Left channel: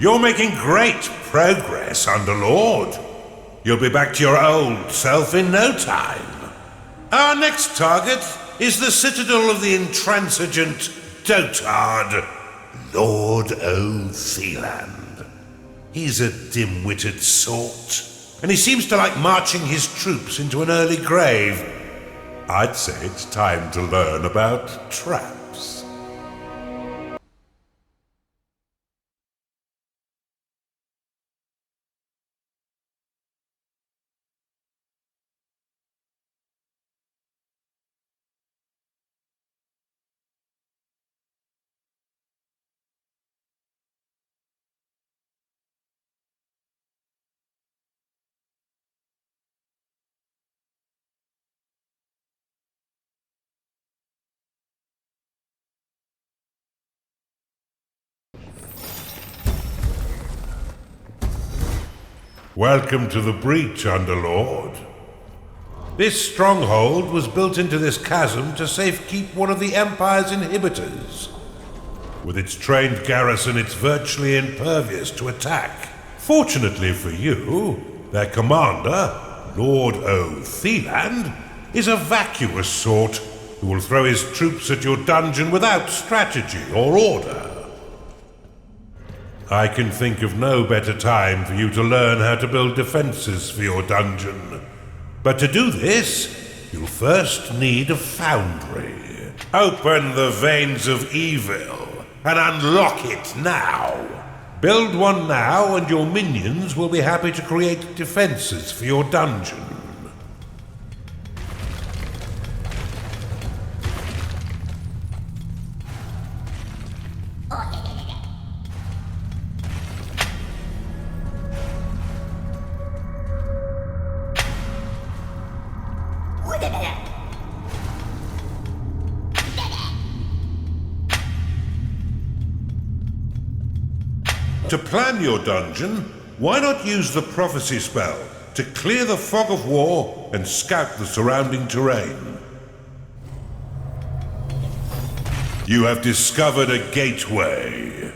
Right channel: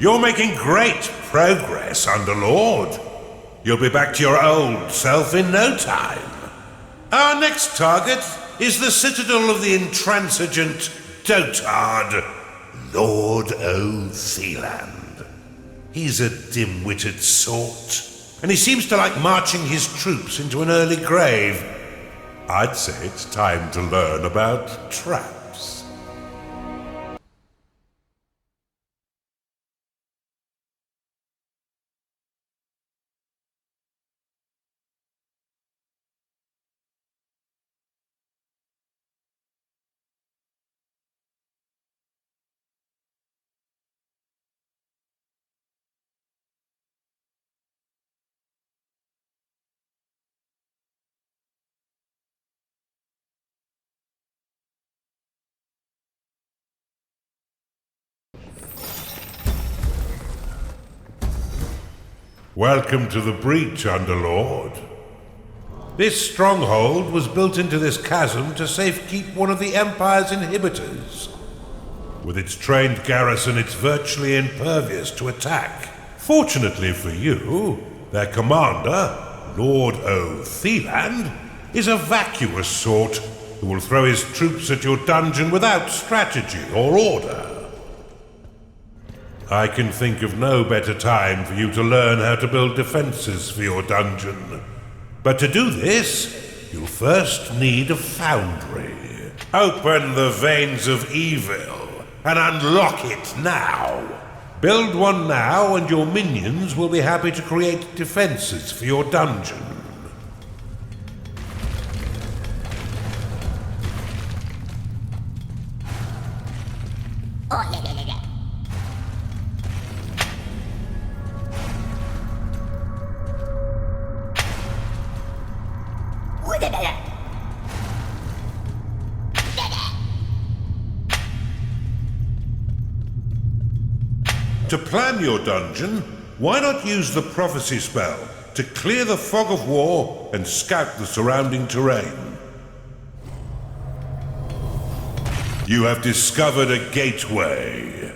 You're making great progress, Underlord. You'll be back to your old self in no time. Our next target is the citadel of the intransigent dotard, Lord O'Theland. He's a dim-witted sort, and he seems to like marching his troops into an early grave. I'd say it's time to learn about traps. Welcome to the breach, Underlord. This stronghold was built into this chasm to safekeep one of the Empire's inhibitors. With its trained garrison, it's virtually impervious to attack. Fortunately for you, their commander, Lord O'Theland, is a vacuous sort who will throw his troops at your dungeon without strategy or order. I can think of no better time for you to learn how to build defenses for your dungeon. But to do this, you'll first need a foundry. Open the veins of evil and unlock it now. Build one now and your minions will be happy to create defenses for your dungeon. To plan your dungeon, why not use the prophecy spell to clear the fog of war and scout the surrounding terrain? You have discovered a gateway.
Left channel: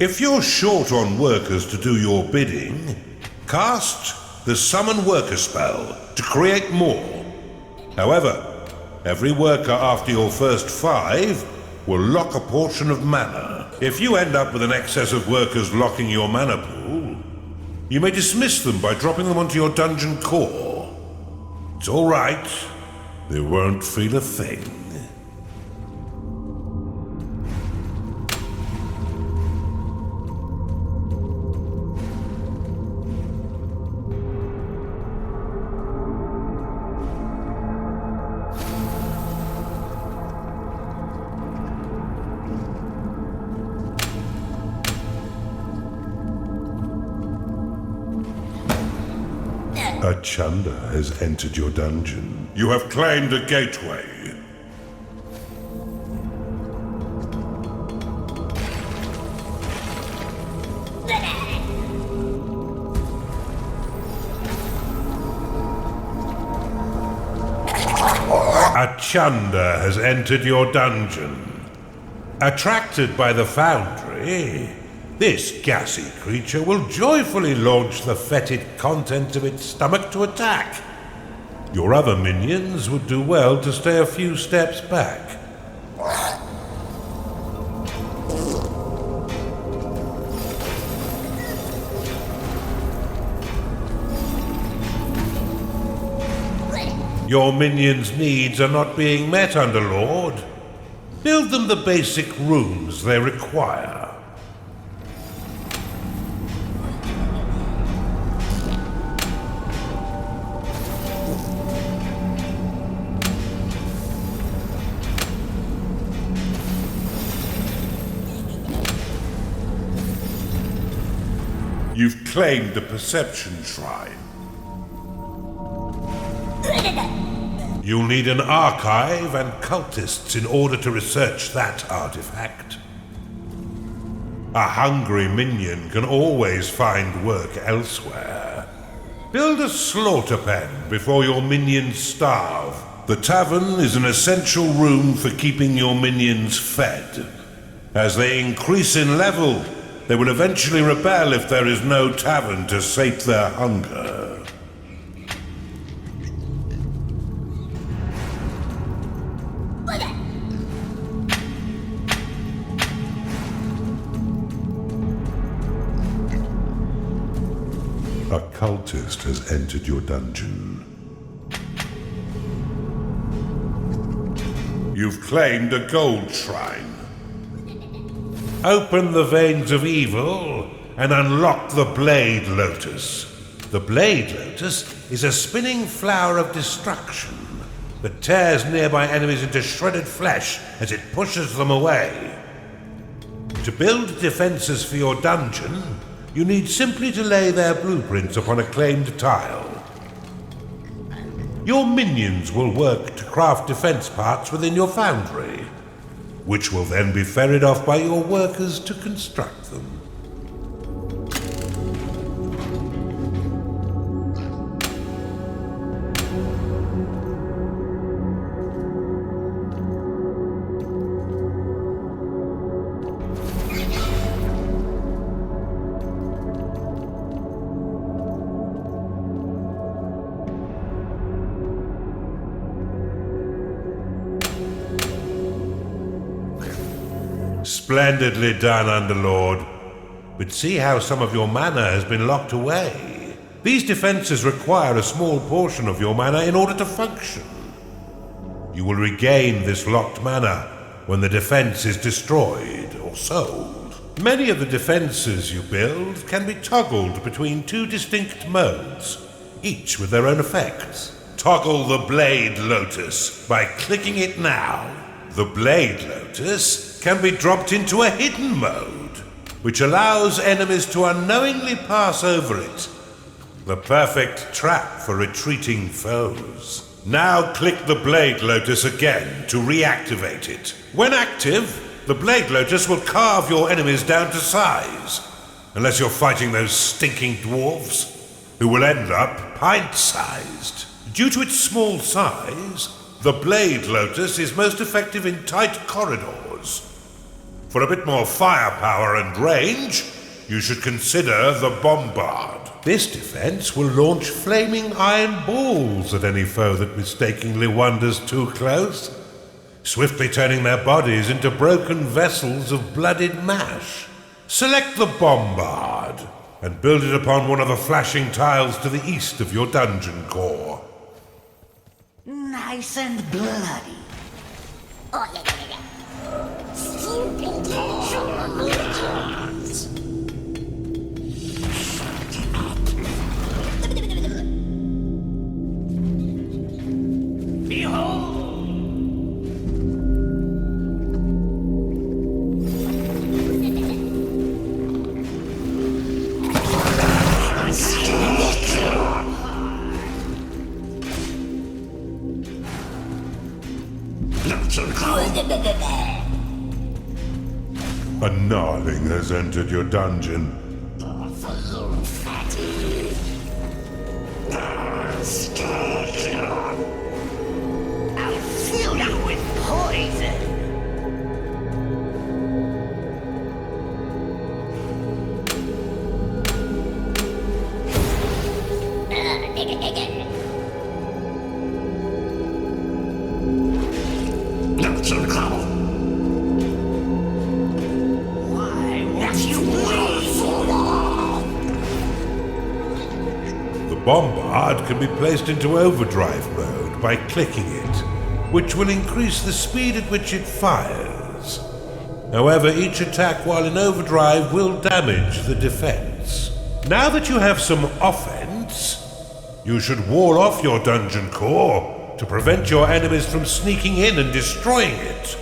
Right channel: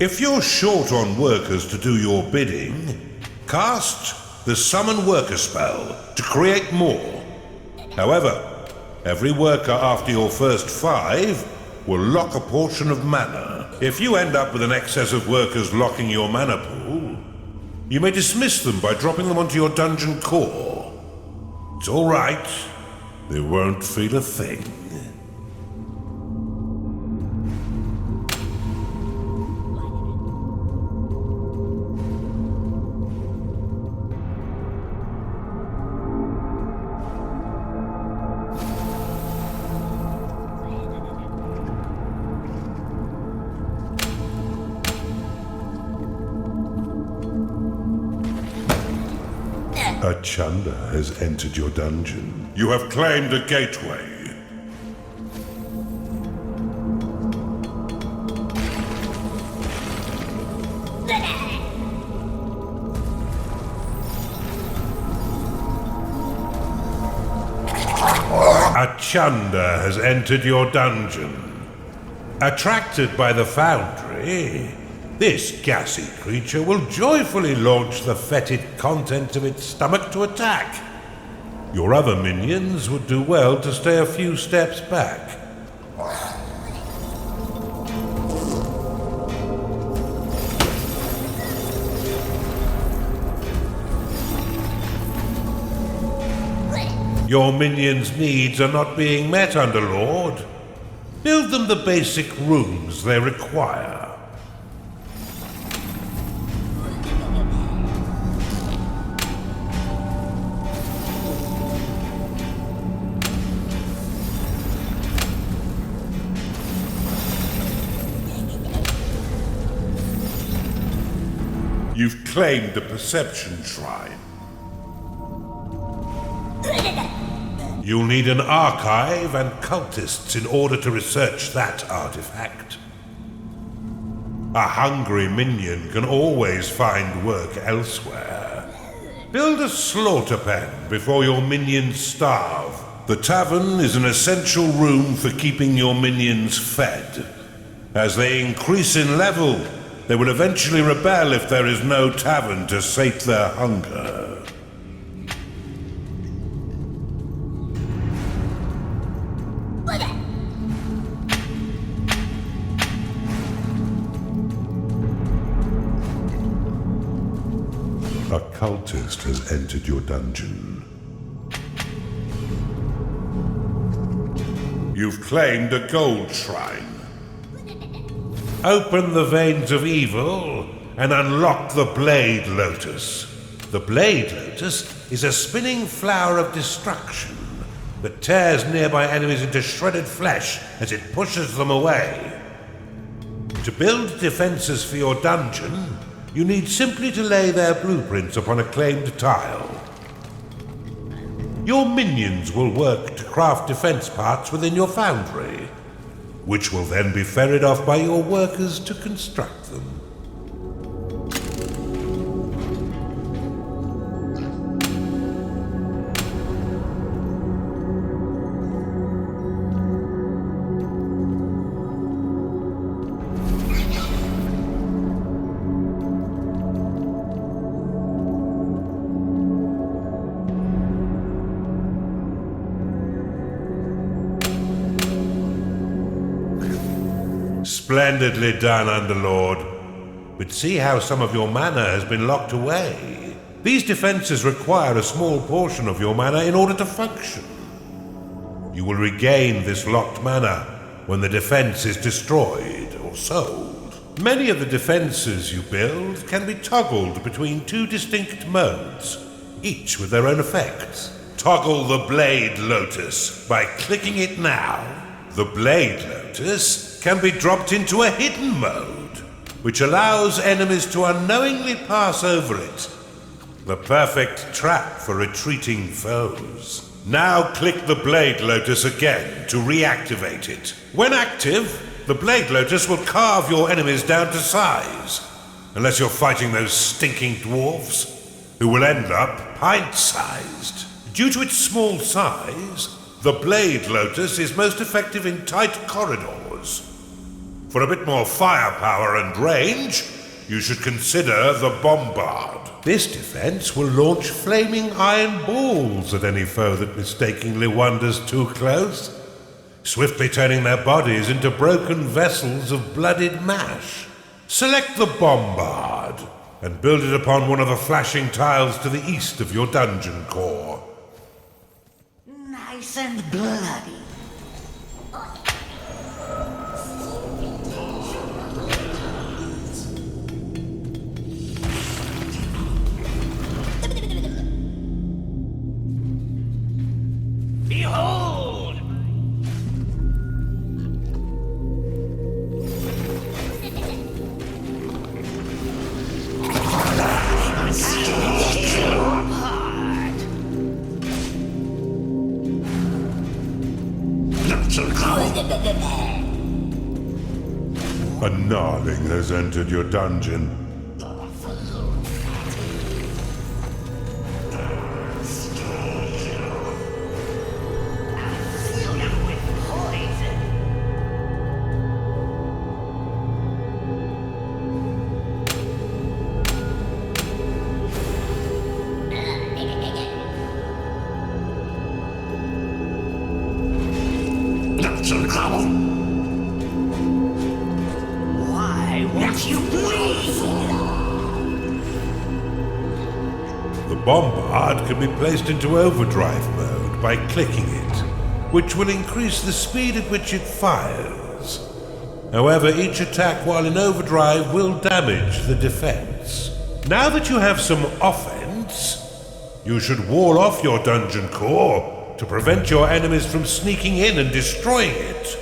If you're short on workers to do your bidding, cast the Summon Worker spell to create more. However, every worker after your first 5 will lock a portion of mana. If you end up with an excess of workers locking your mana pool, you may dismiss them by dropping them onto your dungeon core. It's all right. They won't feel a thing. A Chanda has entered your dungeon. You have claimed a gateway. A Chanda has entered your dungeon. Attracted by the foundry, this gassy creature will joyfully launch the fetid contents of its stomach to attack. Your other minions would do well to stay a few steps back. Your minions' needs are not being met, Underlord. Build them the basic rooms they require. You've claimed the Perception Shrine. You'll need an archive and cultists in order to research that artifact. A hungry minion can always find work elsewhere. Build a slaughter pen before your minions starve. The tavern is an essential room for keeping your minions fed. As they increase in level, they will eventually rebel if there is no tavern to sate their hunger. A cultist has entered your dungeon. You've claimed a gold shrine. Open the veins of evil and unlock the Blade Lotus. The Blade Lotus is a spinning flower of destruction that tears nearby enemies into shredded flesh as it pushes them away. To build defenses for your dungeon, you need simply to lay their blueprints upon a claimed tile. Your minions will work to craft defense parts within your foundry, which will then be ferried off by your workers to construct them. Splendidly done, Underlord. But see how some of your mana has been locked away. These defenses require a small portion of your mana in order to function. You will regain this locked mana when the defense is destroyed or sold. Many of the defenses you build can be toggled between two distinct modes, each with their own effects. Toggle the Blade Lotus by clicking it now. The Blade Lotus can be dropped into a hidden mode, which allows enemies to unknowingly pass over it. The perfect trap for retreating foes. Now click the Blade Lotus again to reactivate it. When active, the Blade Lotus will carve your enemies down to size, unless you're fighting those stinking dwarves, who will end up pint-sized. Due to its small size, the Blade Lotus is most effective in tight corridors. For a bit more firepower and range, you should consider the Bombard. This defense will launch flaming iron balls at any foe that mistakenly wanders too close, swiftly turning their bodies into broken vessels of blooded mash. Select the Bombard and build it upon one of the flashing tiles to the east of your dungeon core. Nice and bloody. Behold! A gnarling has entered your dungeon. I'll fill you with poison! Why won't you please? The Bombard can be placed into overdrive mode by clicking it, which will increase the speed at which it fires. However, each attack while in overdrive will damage the defense. Now that you have some offense, you should wall off your dungeon core to prevent your enemies from sneaking in and destroying it.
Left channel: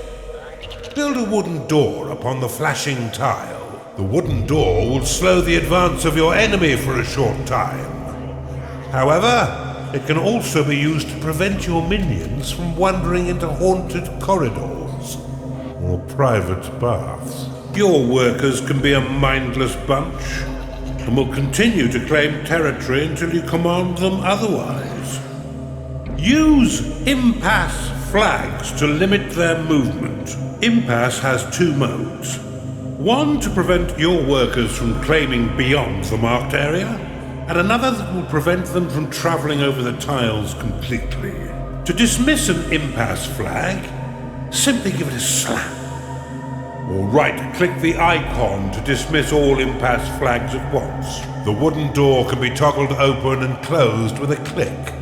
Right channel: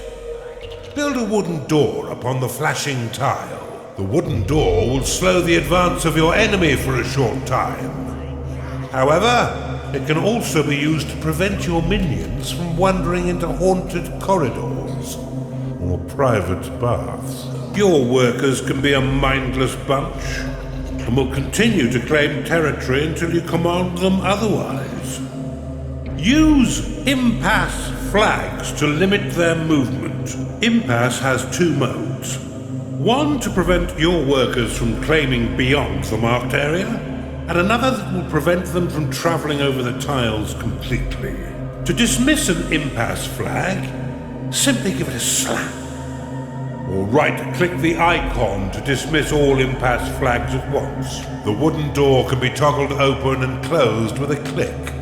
Build a wooden door upon the flashing tile. The wooden door will slow the advance of your enemy for a short time. However, It can also be used to prevent your minions from wandering into haunted corridors or private baths. Your workers can be a mindless bunch and will continue to claim territory until you command them otherwise. Use impasse flags to limit their movement. Impasse has two modes. One to prevent your workers from claiming beyond the marked area, and another that will prevent them from traveling over the tiles completely. To dismiss an impasse flag, simply give it a slap. Or right-click the icon to dismiss all impasse flags at once. The wooden door can be toggled open and closed with a click.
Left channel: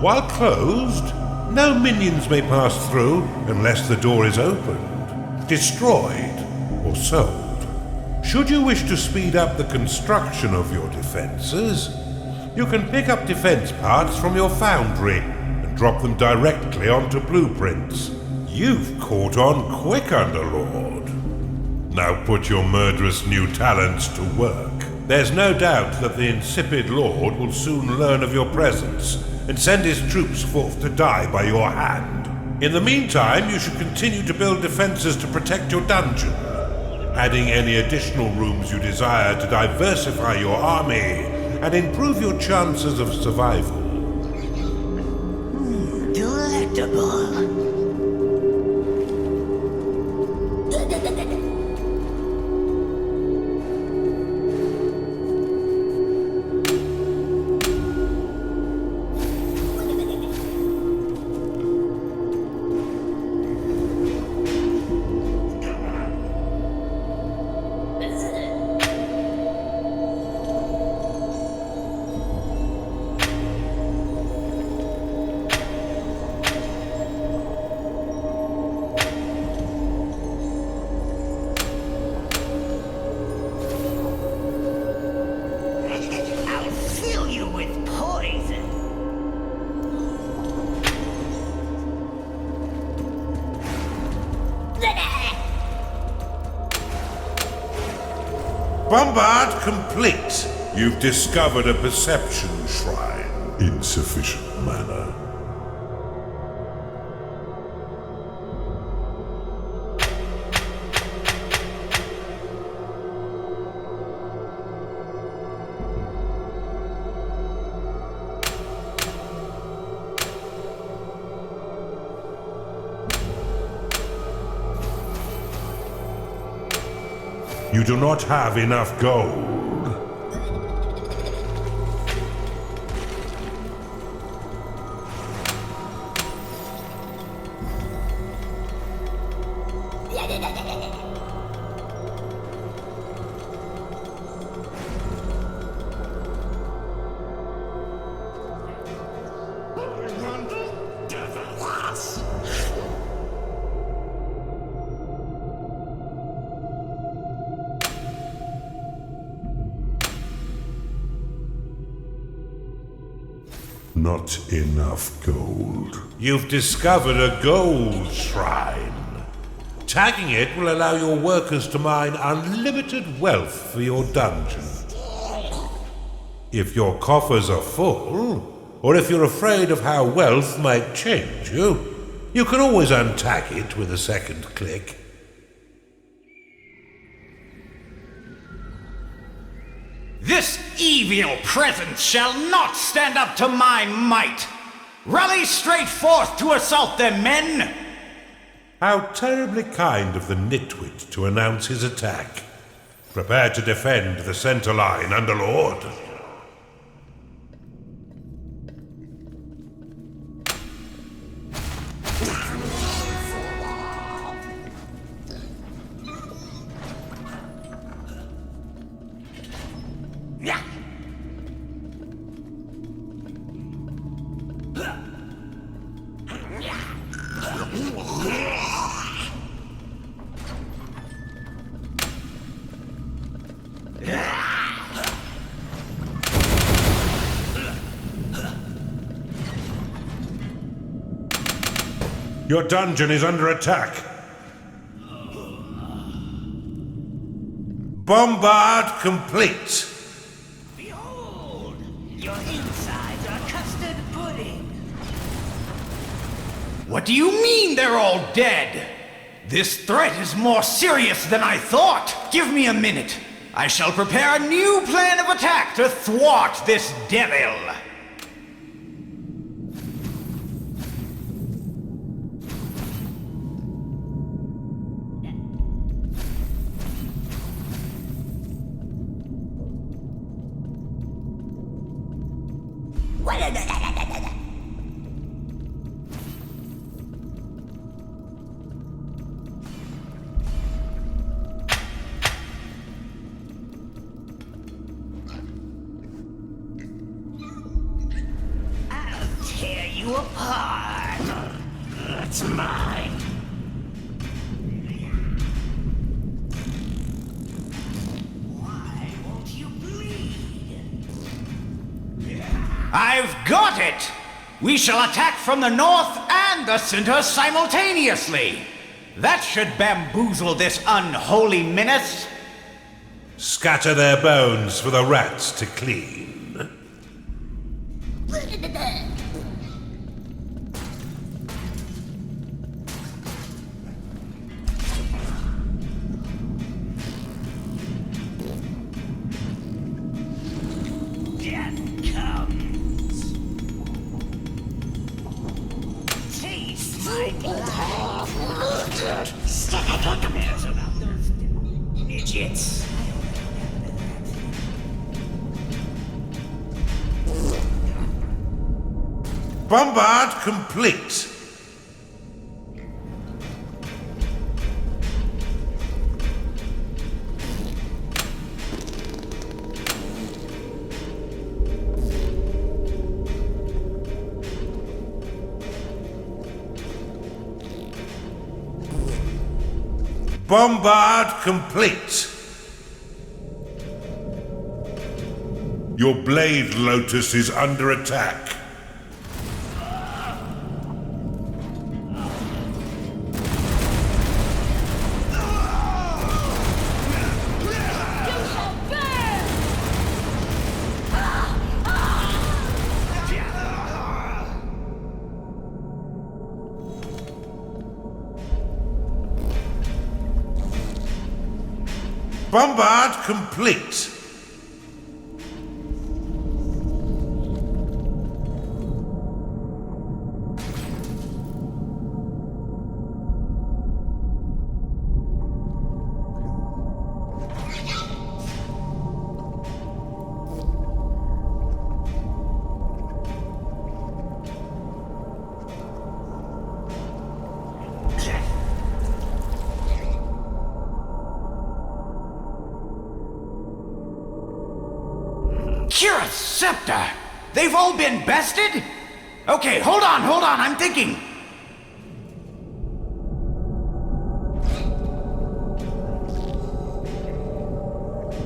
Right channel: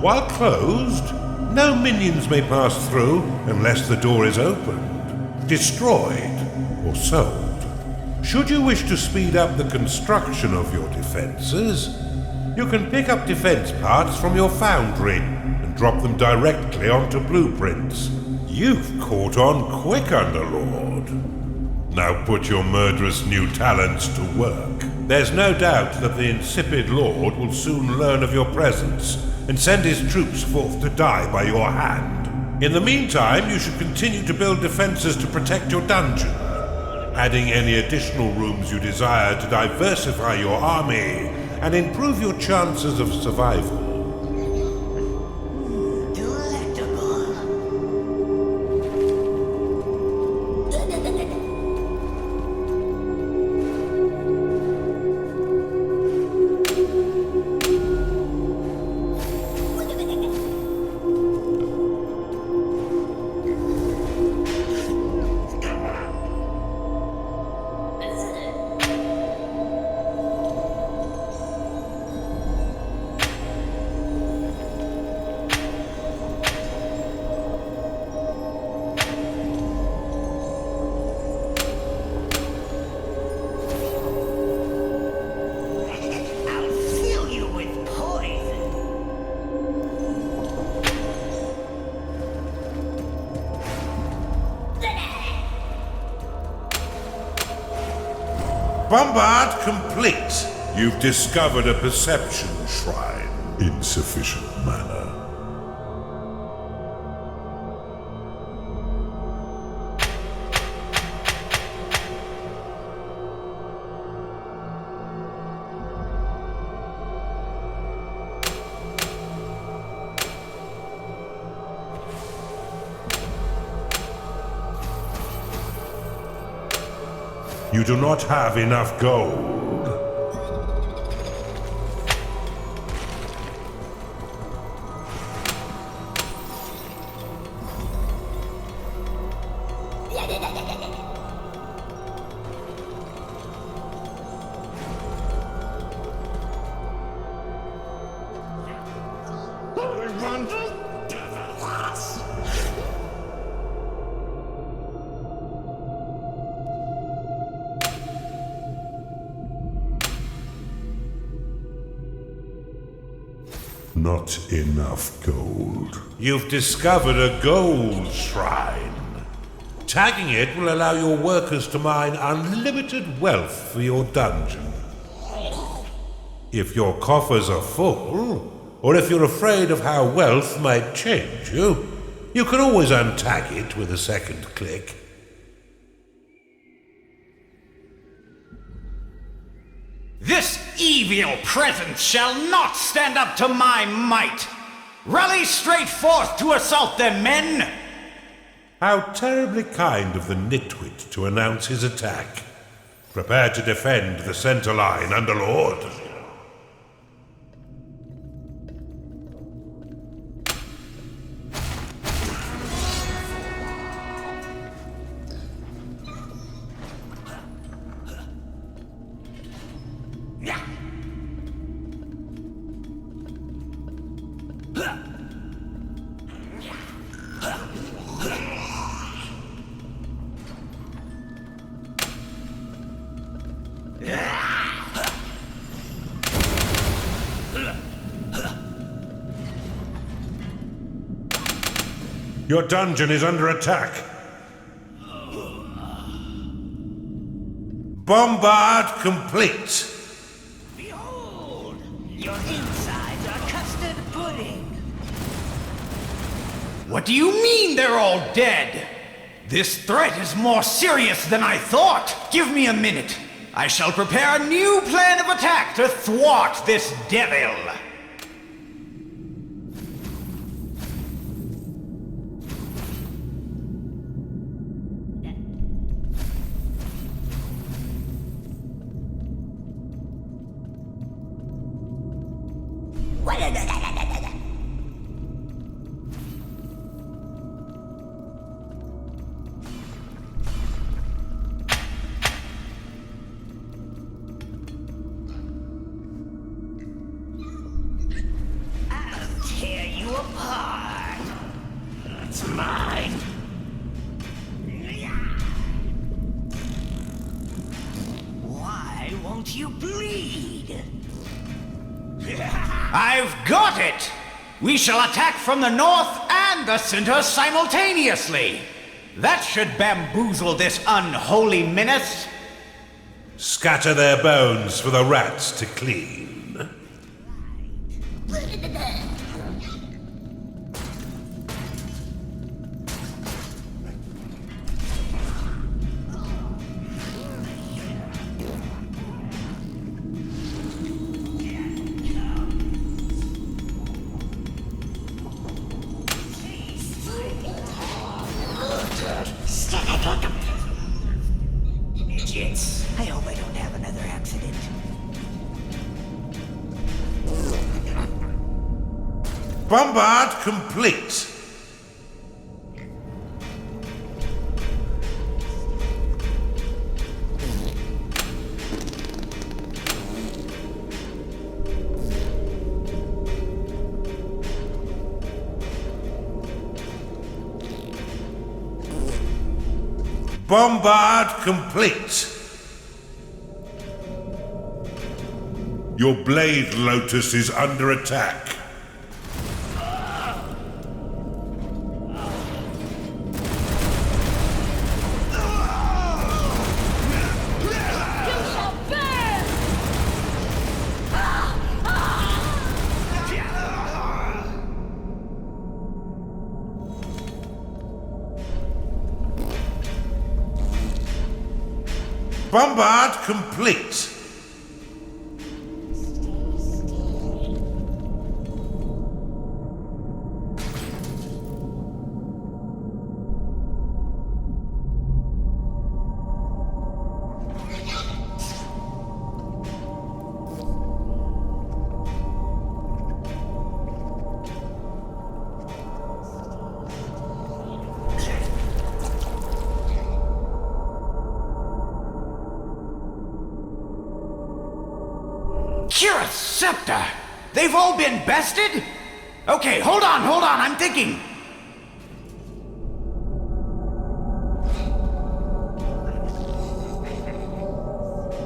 While closed, no minions may pass through unless the door is opened, destroyed, or sold. Should you wish to speed up the construction of your defenses, you can pick up defense parts from your foundry and drop them directly onto blueprints. You've caught on quick, Underlord. Now put your murderous new talents to work. There's no doubt that the insipid Lord will soon learn of your presence and send his troops forth to die by your hand. In the meantime, you should continue to build defenses to protect your dungeon, adding any additional rooms you desire to diversify your army and improve your chances of survival. Delectable. Bombard complete. You've discovered a perception shrine. Insufficient mana. You do not have enough gold. Not enough gold. You've discovered a gold shrine. Tagging it will allow your workers to mine unlimited wealth for your dungeon. If your coffers are full, or if you're afraid of how wealth might change you, you can always untag it with a second click. This evil presence shall not stand up to my might! Rally straight forth to assault them, men! How terribly kind of the nitwit to announce his attack. Prepare to defend the center line, Underlord. Your dungeon is under attack. Bombard complete. Behold, your insides are custard What do you mean they're all dead? This threat is more serious than I thought. Give me a minute. I shall prepare a new plan of attack to thwart this devil. I'll tear you apart. It's mine. Why won't you bleed? I've got it! We shall attack from the north and the center simultaneously. That should bamboozle this unholy menace. Scatter their bones for the rats to clean. Death comes. Taste my blood. Stick it to them. About those midgets. I hope I don't have another accident. Bombard complete. Bombard complete. Your blade lotus is under attack. Bombard complete. Kira's scepter! They've all been bested? Okay, hold on, I'm thinking.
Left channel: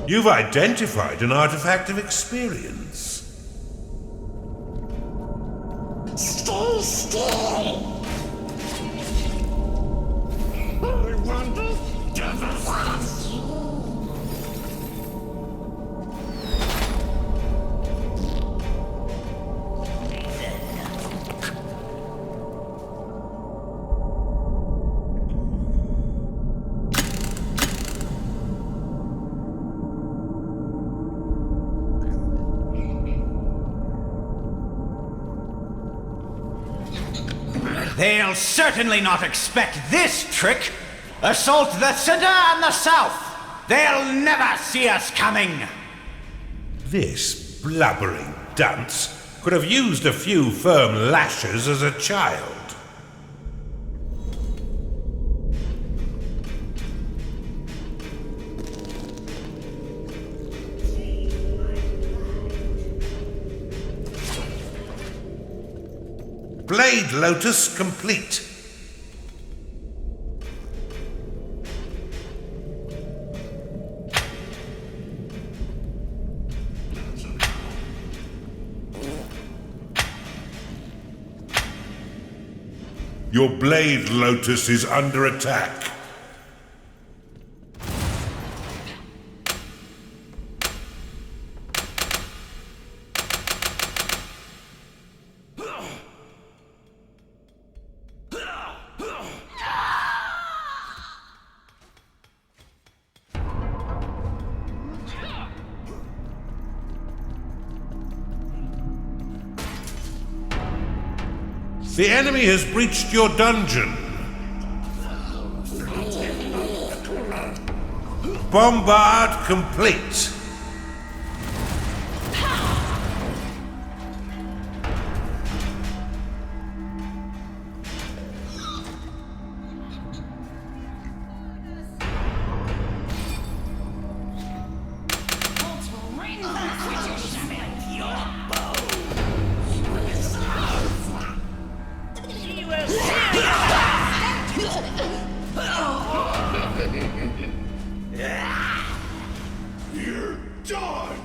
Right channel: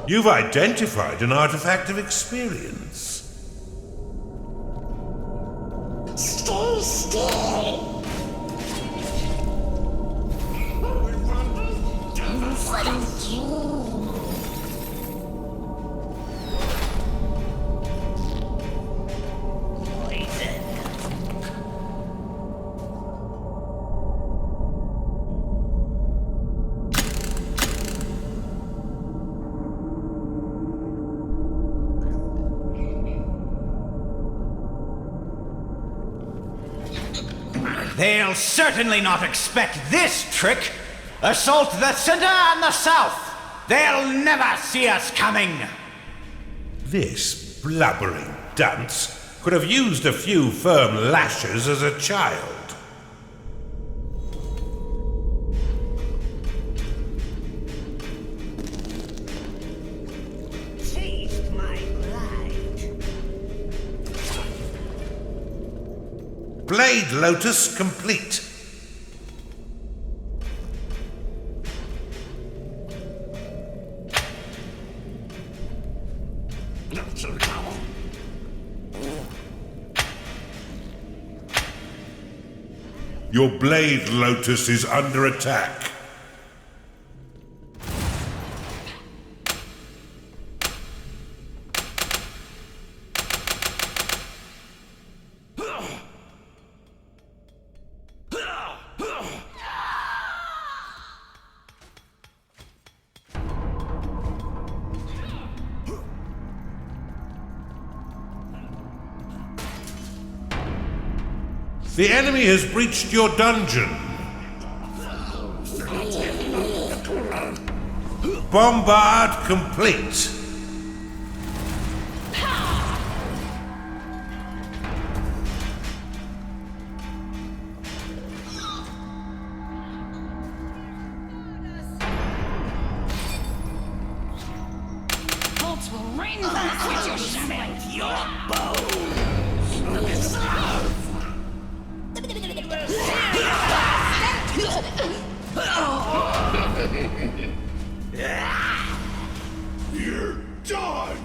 You've identified an artifact of experience. Stay still. They'll certainly not expect this trick. Assault the center and the south. They'll never see us coming. This blubbering dunce could have used a few firm lashes as a child. Taste my blight. Blade lotus complete. Your blade lotus is under attack. The enemy has breached your dungeon. Bombard complete. Bolts will rain from the switches. With your bows. You're done!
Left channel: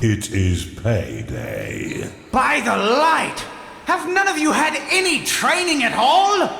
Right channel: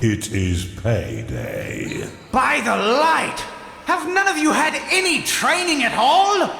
It is payday. By the light! Have none of you had any training at all?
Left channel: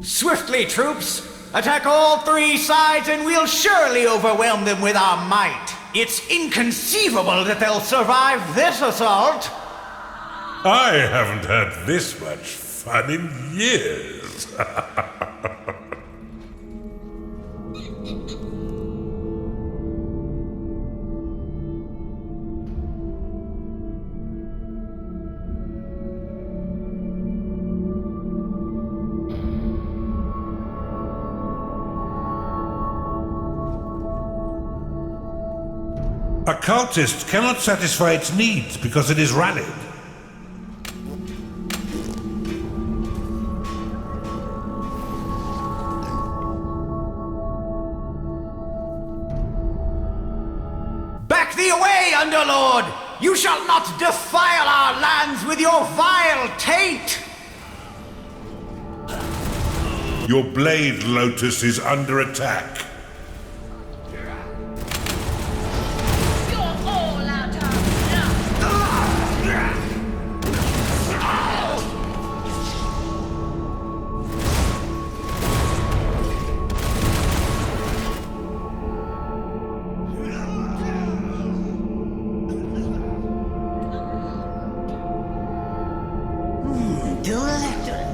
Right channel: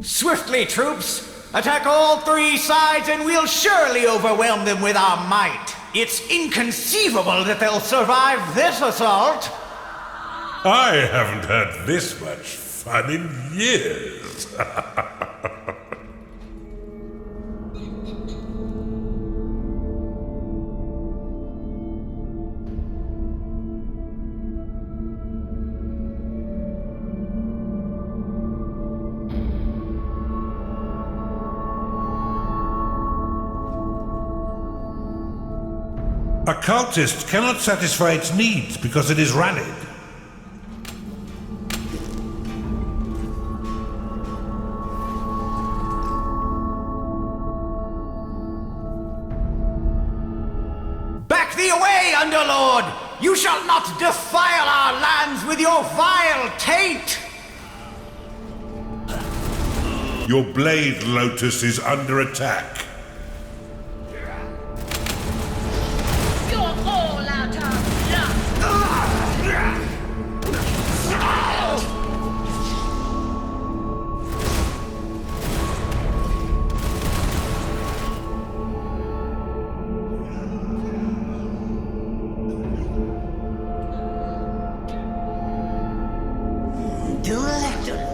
Swiftly, troops! Attack all three sides and we'll surely overwhelm them with our might. It's inconceivable that they'll survive this assault. I haven't had this much fun in years. A cultist cannot satisfy its needs because it is rallied. Back thee away, Underlord! You shall not defile our lands with your vile taint! Your blade, Lotus, is under attack. You're all out of luck. Delectable.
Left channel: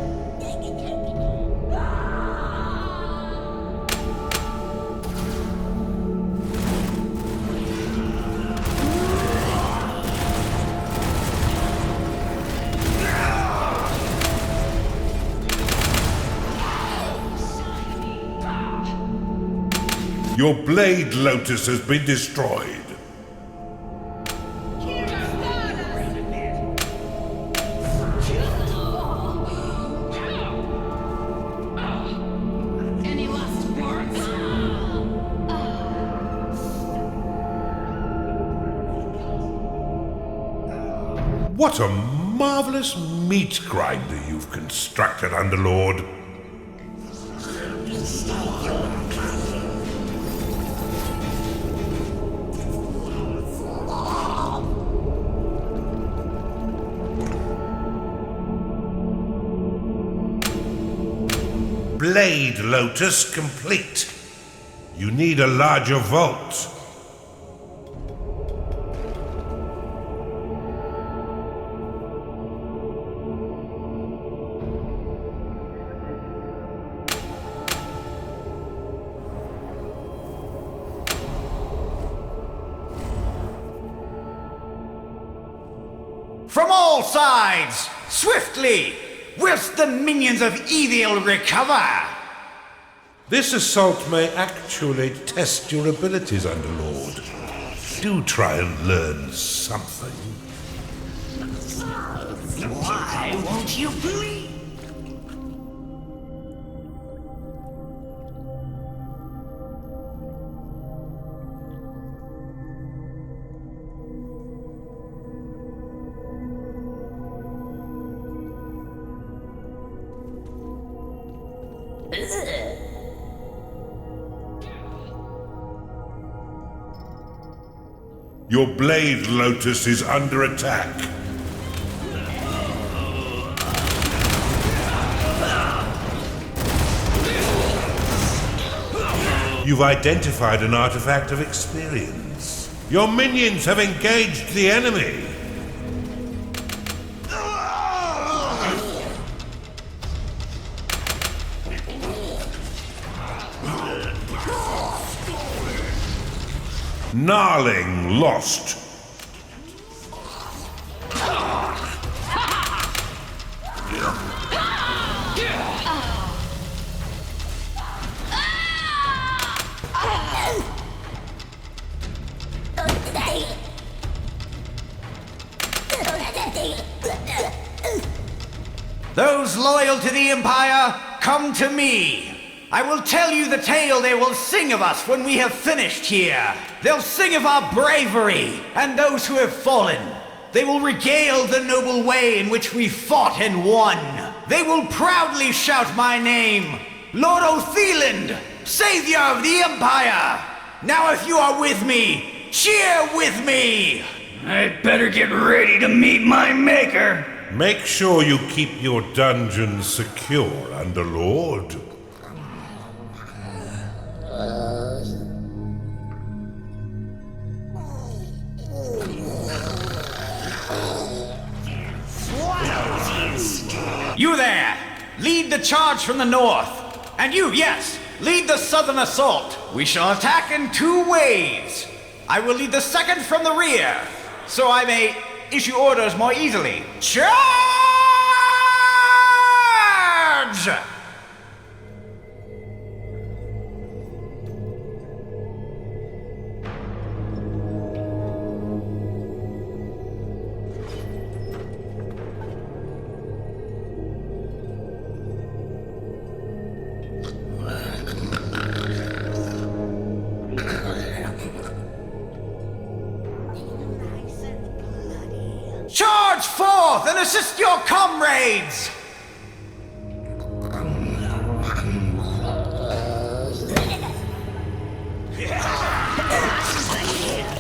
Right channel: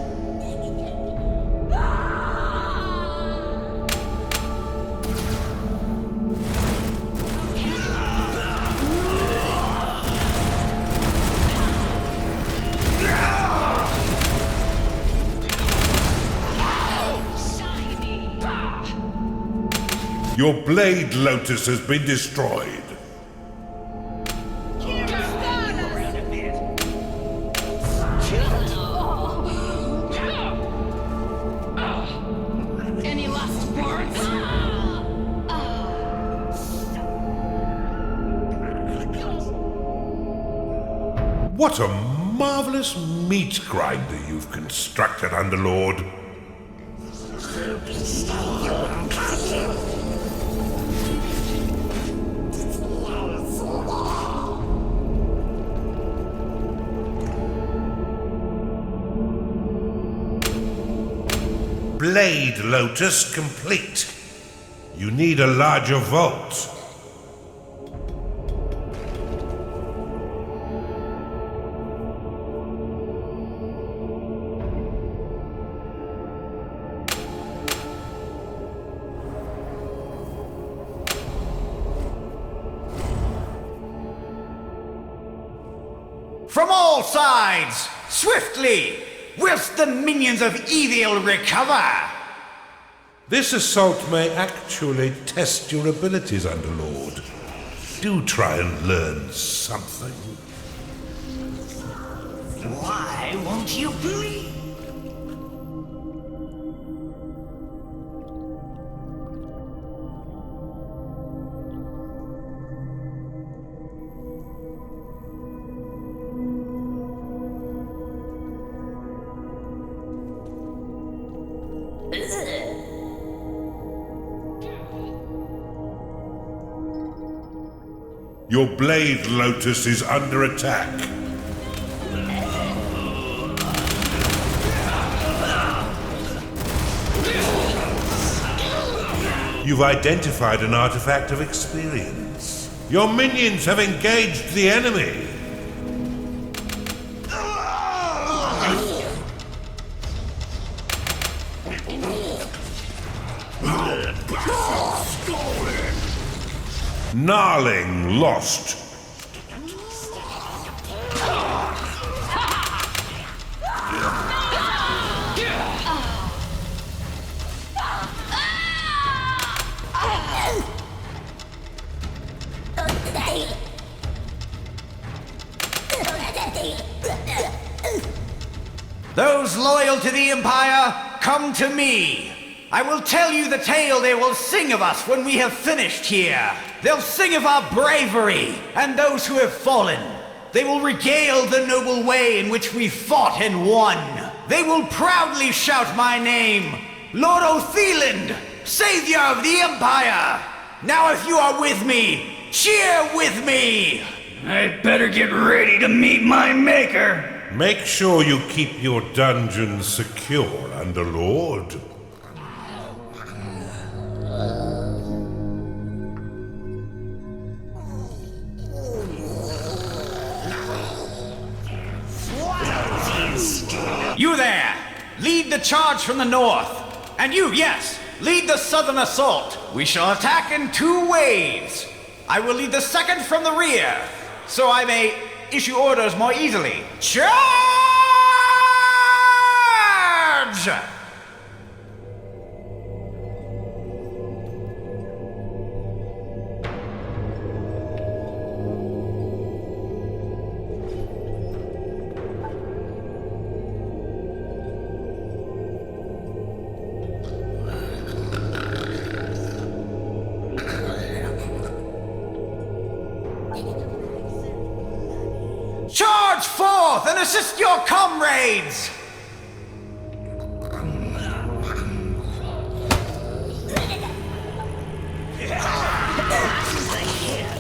Your blade, Lotus, has been destroyed. Any last words? What a marvelous meat grinder you've constructed, Underlord. Blade, Lotus, complete. You need a larger vault. From all sides, swiftly, whilst the minions of evil recover. This assault may actually test your abilities, Underlord. Do try and learn something. Why won't you please? Your blade, Lotus, is under attack. You've identified an artifact of experience. Your minions have engaged the enemy. Gnarling lost. Those loyal to the Empire, come to me. I will tell you the tale they will sing of us when we have finished here. They'll sing of our bravery and those who have fallen. They will regale the noble way in which we fought and won. They will proudly shout my name, Lord Otheland, Savior of the Empire. Now if you are with me, cheer with me. I'd better get ready to meet my maker. Make sure you keep your dungeon secure, Underlord. You there! Lead the charge from the north. And you, yes, lead the southern assault. We shall attack in 2 waves. I will lead the second from the rear, so I may issue orders more easily. Charge! Charge forth and assist your comrades!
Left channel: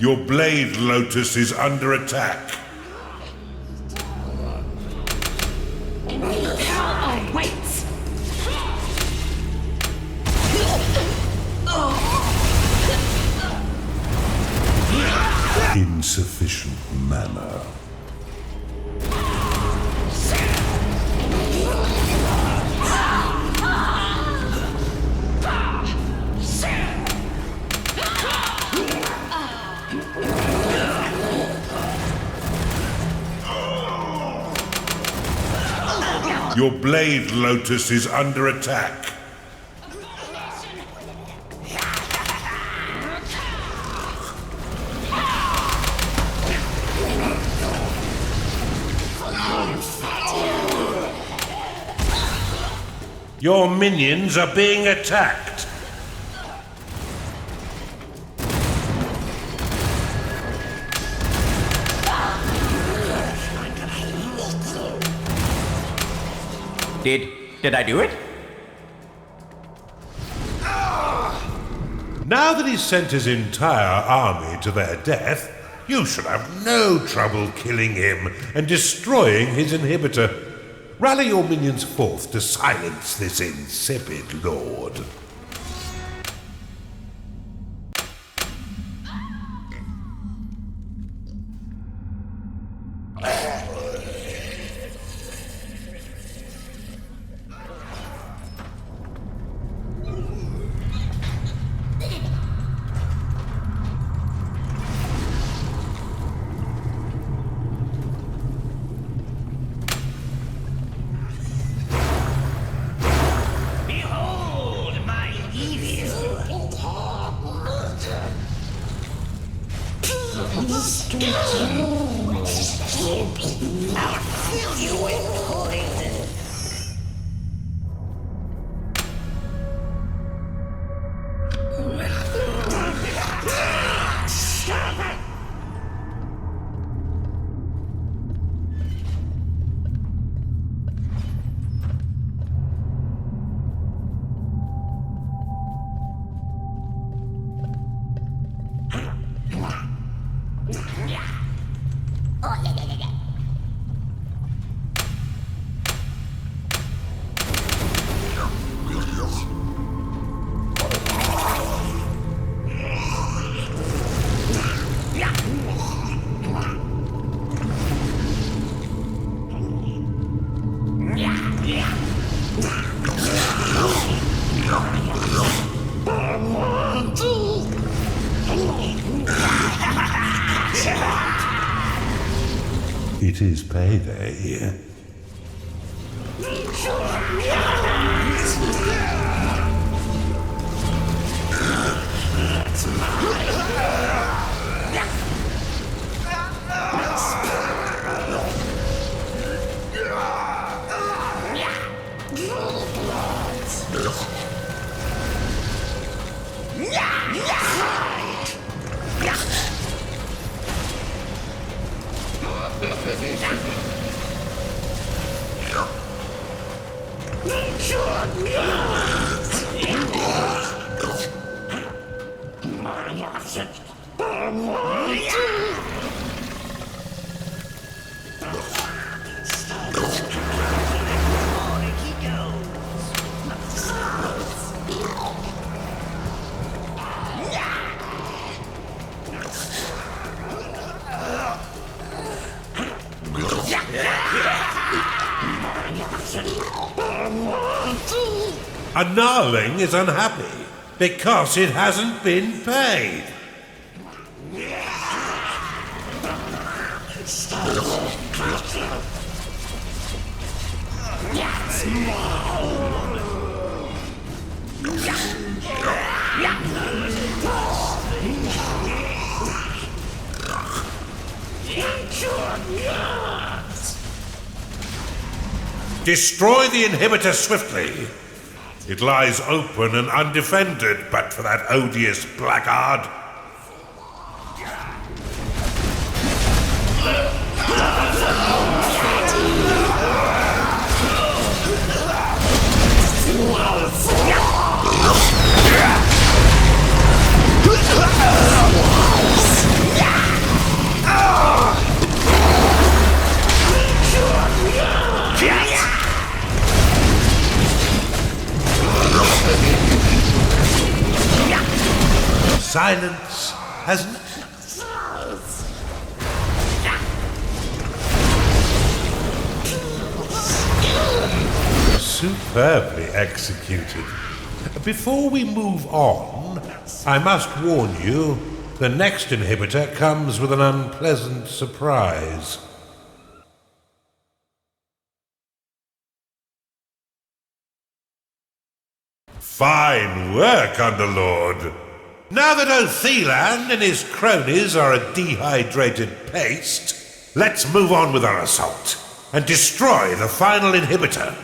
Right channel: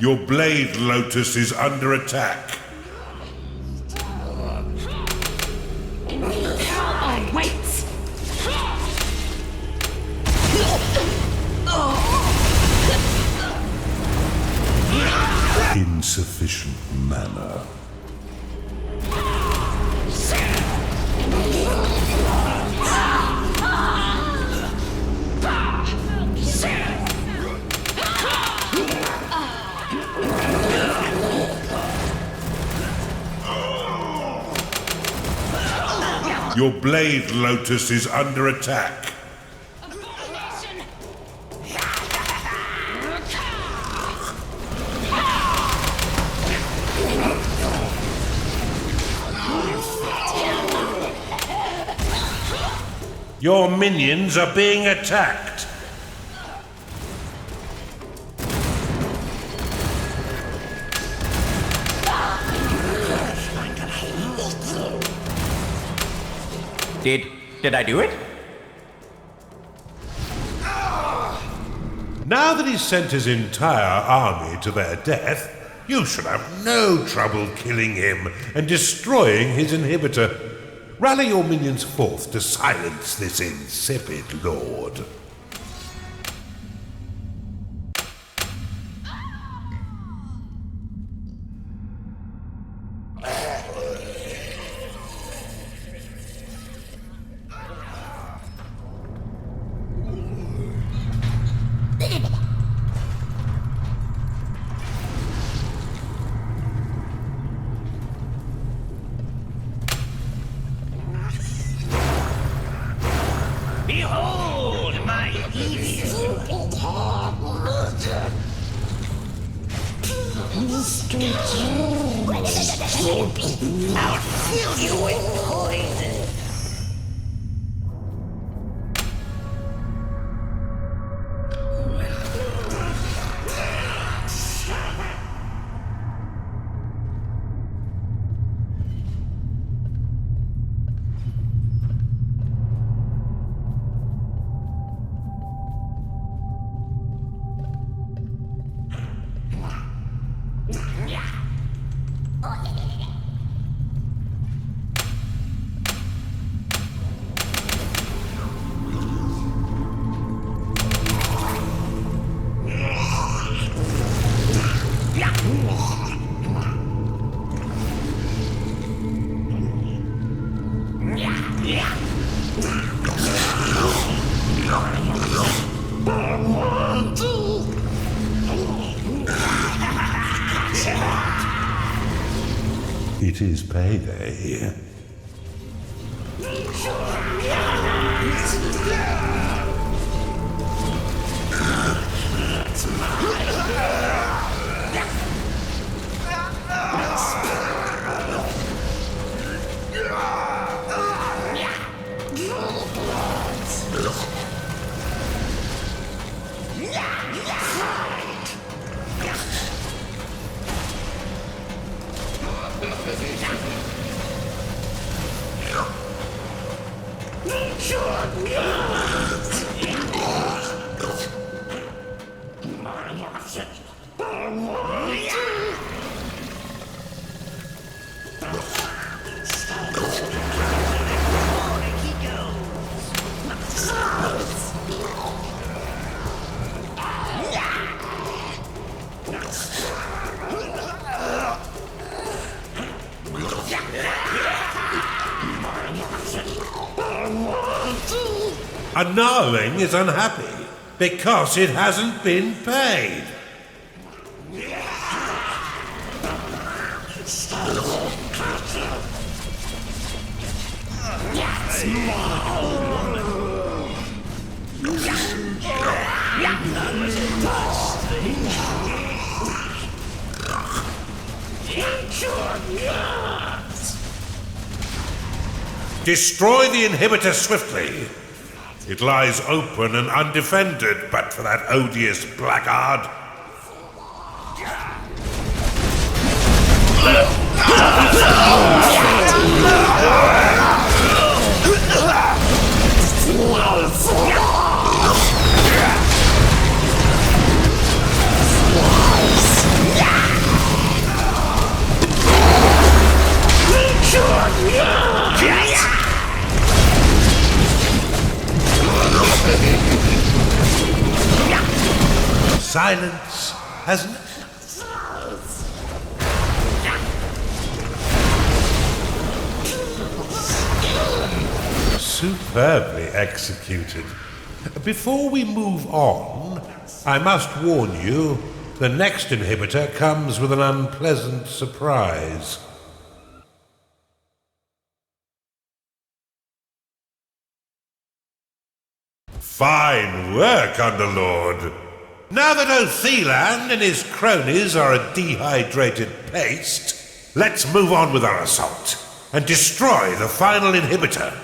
Your blade, Lotus, is under attack. Oh, wait! Insufficient mana. Your blade, Lotus, is under attack. Your minions are being attacked. Did I do it? Now that he's sent his entire army to their death, you should have no trouble killing him and destroying his inhibitor. Rally your minions forth to silence this insipid lord. Behold my evil! I'll fill you with poison! It is payday. A gnarling is unhappy because it hasn't been paid. Destroy the inhibitor swiftly. It lies open and undefended, but for that odious blackguard. Silence has superbly executed. Before we move on, I must warn you, the next inhibitor comes with an unpleasant surprise. Fine work, Underlord. Now that Othelan and his cronies are a dehydrated paste, let's move on with our assault and destroy the final inhibitor.